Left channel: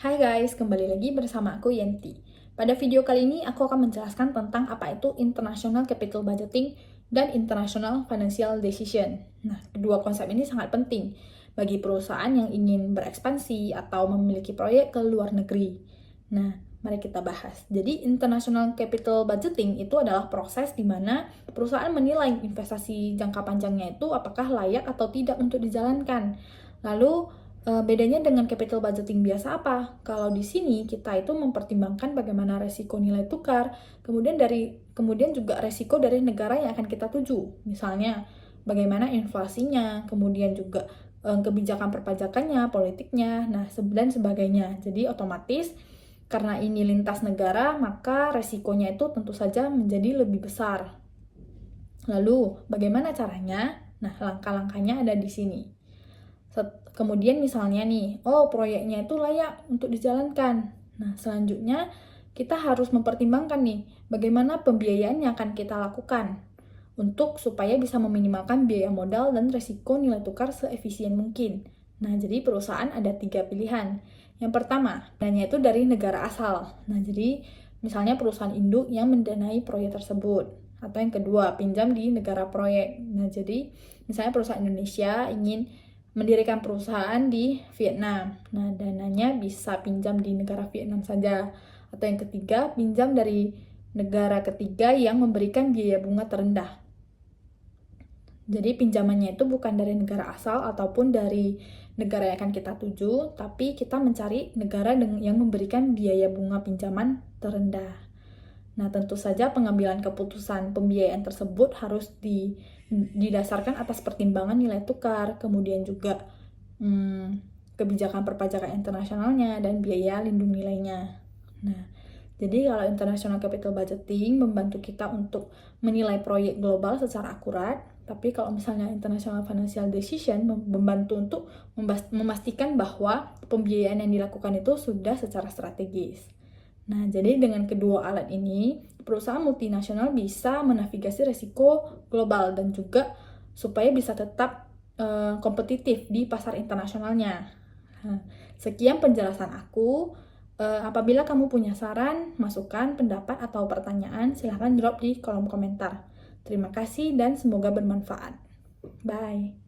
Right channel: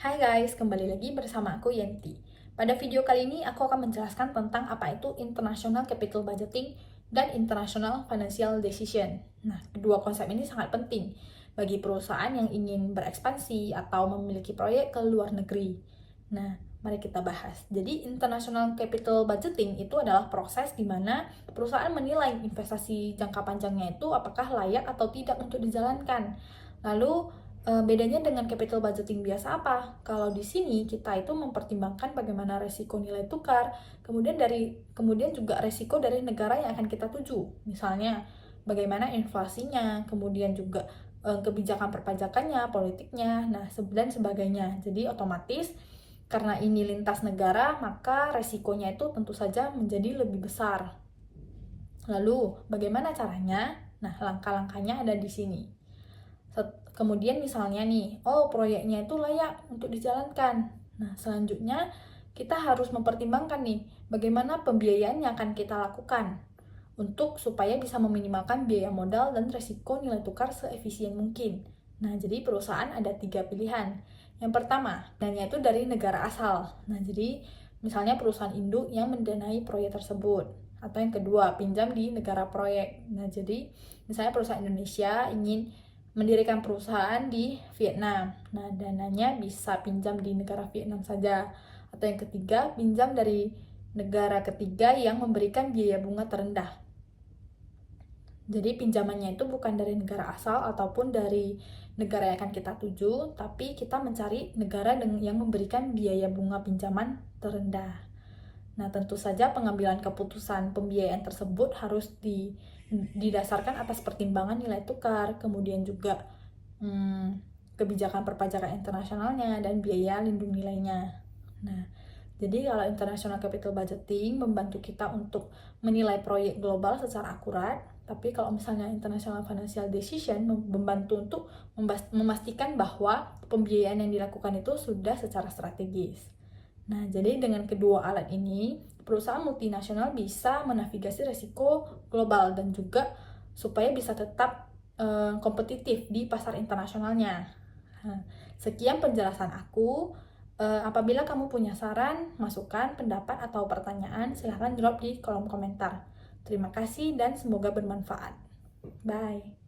Hai guys, kembali lagi bersama aku Yenti. Pada video kali ini aku akan menjelaskan tentang apa itu International Capital Budgeting dan International Financial Decision. Nah, kedua konsep ini sangat penting bagi perusahaan yang ingin berekspansi atau memiliki proyek ke luar negeri. Nah, mari kita bahas. Jadi, International Capital Budgeting itu adalah proses di mana perusahaan menilai investasi jangka panjangnya itu apakah layak atau tidak untuk dijalankan. Lalu, bedanya dengan capital budgeting biasa apa? Kalau di sini kita itu mempertimbangkan bagaimana resiko nilai tukar, kemudian juga resiko dari negara yang akan kita tuju. Misalnya bagaimana inflasinya, kemudian juga kebijakan perpajakannya, politiknya, dan sebagainya. Jadi otomatis karena ini lintas negara, maka resikonya itu tentu saja menjadi lebih besar. Lalu bagaimana caranya? Nah, langkah-langkahnya ada di sini. Kemudian misalnya nih, proyeknya itu layak untuk dijalankan. Nah, selanjutnya kita harus mempertimbangkan nih, bagaimana pembiayaan yang akan kita lakukan supaya bisa meminimalkan biaya modal dan resiko nilai tukar seefisien mungkin. Nah, jadi perusahaan ada 3 pilihan. Yang pertama, dananya itu dari negara asal. Nah, jadi misalnya perusahaan induk yang mendanai proyek tersebut. Atau yang kedua, pinjam di negara proyek. Nah, jadi misalnya perusahaan Indonesia ingin mendirikan perusahaan di Vietnam. Nah, dananya bisa pinjam di negara Vietnam saja. Atau yang ketiga, pinjam dari negara ketiga yang memberikan biaya bunga terendah. Jadi pinjamannya itu bukan dari negara asal ataupun dari negara yang akan kita tuju, tapi kita mencari negara yang memberikan biaya bunga pinjaman terendah. Nah, tentu saja pengambilan keputusan pembiayaan tersebut harus didasarkan atas pertimbangan nilai tukar, kemudian juga kebijakan perpajakan internasionalnya, dan biaya lindung nilainya. Nah, jadi kalau International Capital Budgeting membantu kita untuk menilai proyek global secara akurat, tapi kalau misalnya International Financial Decision membantu untuk memastikan bahwa pembiayaan yang dilakukan itu sudah secara strategis. Nah, jadi dengan kedua alat ini, perusahaan multinasional bisa menavigasi resiko global dan juga supaya bisa tetap kompetitif di pasar internasionalnya. Nah, sekian penjelasan aku. Apabila kamu punya saran, masukan, pendapat, atau pertanyaan, silahkan drop di kolom komentar. Terima kasih dan semoga bermanfaat. Bye!